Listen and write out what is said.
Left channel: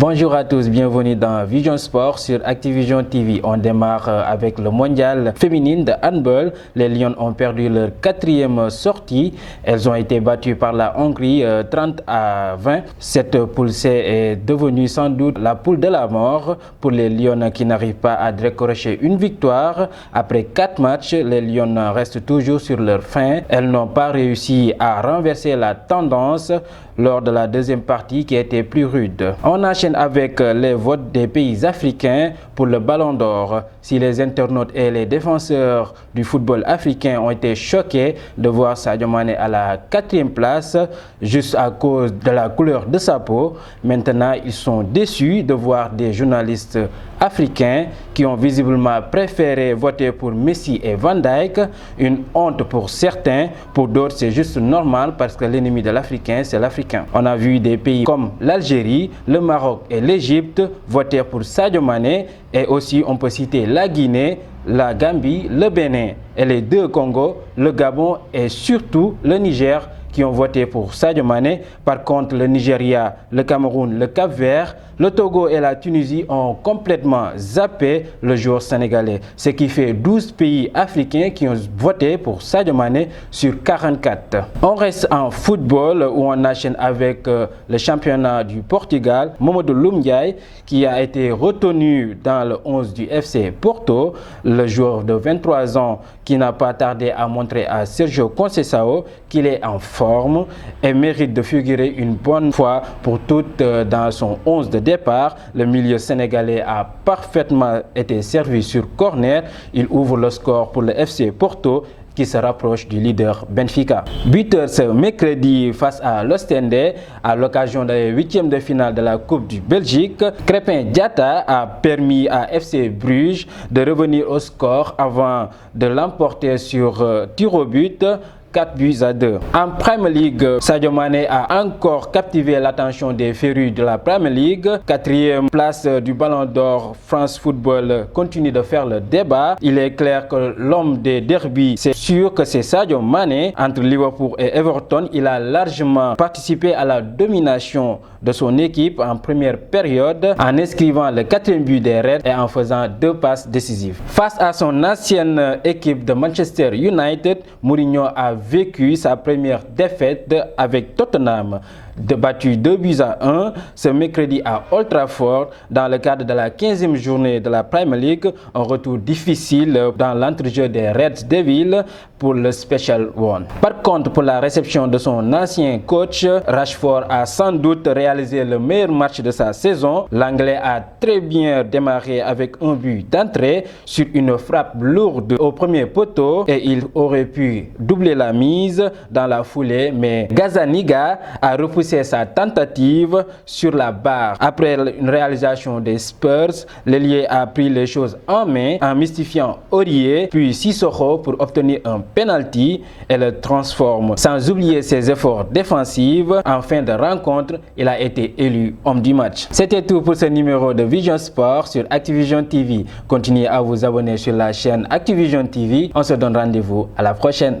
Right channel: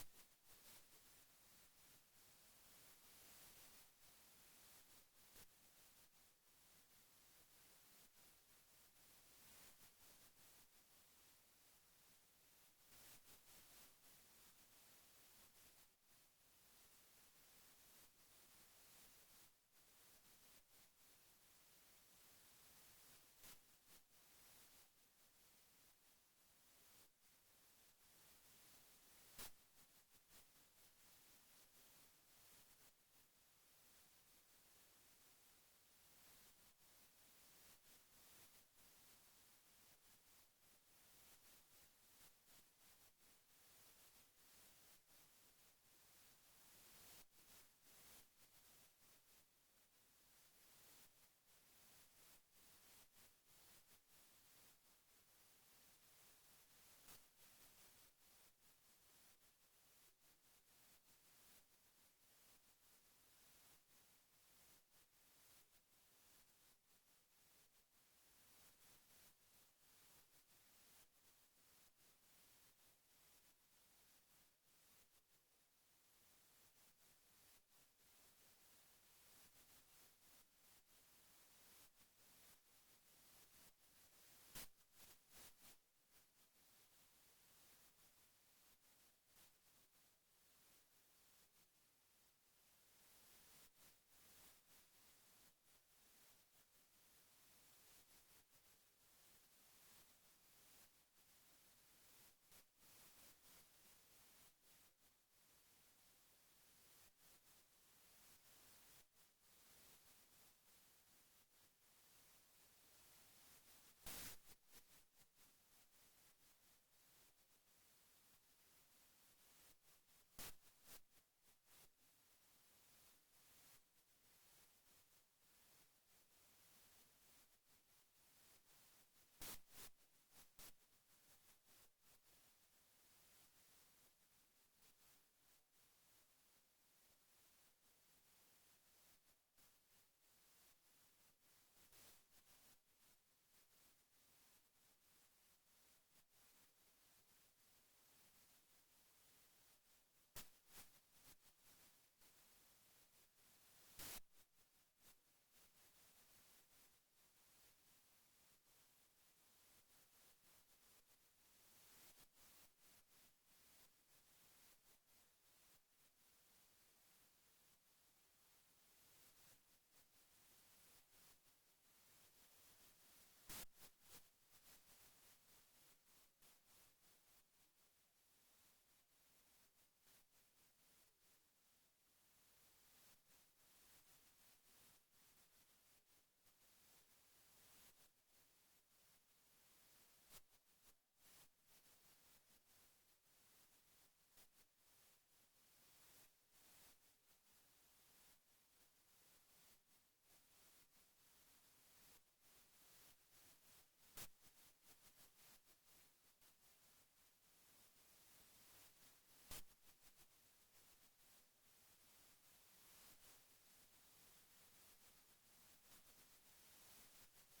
Bonjour à tous, bienvenue dans Vision Sport sur Activision TV. On démarre avec le mondial féminine de handball. Les Lions ont perdu leur 4e sortie. Elles ont été battues par la Hongrie 30-20. Cette poule C est devenue sans doute la poule de la mort pour les Lions qui n'arrivent pas à décrocher une victoire. Après 4 matchs, les Lions restent toujours sur leur faim. Elles n'ont pas réussi à renverser la tendance lors de la deuxième partie qui était plus rude. On enchaîne avec les votes des pays africains pour le Ballon d'Or. Si les internautes et les défenseurs du football africain ont été choqués de voir Sadio Mané à la 4e place juste à cause de la couleur de sa peau, maintenant ils sont déçus de voir des journalistes africains qui ont visiblement préféré voter pour Messi et Van Dijk. Une honte pour certains, pour d'autres c'est juste normal parce que l'ennemi de l'Africain c'est l'Africain. On a vu des pays comme l'Algérie, le Maroc et l'Égypte voter pour Sadio Mané, et aussi on peut citer la Guinée, la Gambie, le Bénin et les 2 Congos, le Gabon et surtout le Niger qui ont voté pour Sadio Mané. Par contre, le Nigeria, le Cameroun, le Cap-Vert, le Togo et la Tunisie ont complètement zappé le joueur sénégalais, ce qui fait 12 pays africains qui ont voté pour Sadio Mané sur 44. On reste en football où on enchaîne avec le championnat du Portugal. Mamadou Loum Ndiaye qui a été retenu dans le 11 du FC Porto, le joueur de 23 ans qui n'a pas tardé à montrer à Sergio Conceição qu'il est en forme et mérite de figurer une bonne fois pour toutes dans son 11 de départ. Le milieu sénégalais a parfaitement été servi sur corner. Il ouvre le score pour le FC Porto qui se rapproche du leader Benfica. Buteur ce mercredi face à l'Ostende à l'occasion des 8e de finale de la Coupe du Belgique. Crépin Diatta a permis à FC Bruges de revenir au score avant de l'emporter sur tir au but. 4-2. En Premier League, Sadio Mané a encore captivé l'attention des férus de la Premier League. 4e place du Ballon d'Or, France Football continue de faire le débat. Il est clair que l'homme des derbies, c'est sûr que c'est Sadio Mané. Entre Liverpool et Everton, il a largement participé à la domination de son équipe en première période en inscrivant le 4e but des Reds et en faisant 2 passes décisives. Face à son ancienne équipe de Manchester United, Mourinho a vécu sa première défaite avec Tottenham, battu 2-1 ce mercredi à Old Trafford dans le cadre de la 15e journée de la Premier League. Un retour difficile dans l'entrejeu des Red Devils pour le Special One. Par contre, pour la réception de son ancien coach, Rashford a sans doute réalisé le meilleur match de sa saison. L'Anglais a très bien démarré avec un but d'entrée sur une frappe lourde au premier poteau et il aurait pu doubler la mise dans la foulée, mais Gazzaniga a repoussé sa tentative sur la barre. Après une réalisation des Spurs, l'ailier a pris les choses en main en mystifiant Aurier puis Sissoko pour obtenir un penalty et le transforme. Sans oublier ses efforts défensifs, en fin de rencontre, il a été élu homme du match. C'était tout pour ce numéro de Vision Sport sur Activision TV. Continuez à vous abonner sur la chaîne Activision TV. On se donne rendez-vous à la prochaine.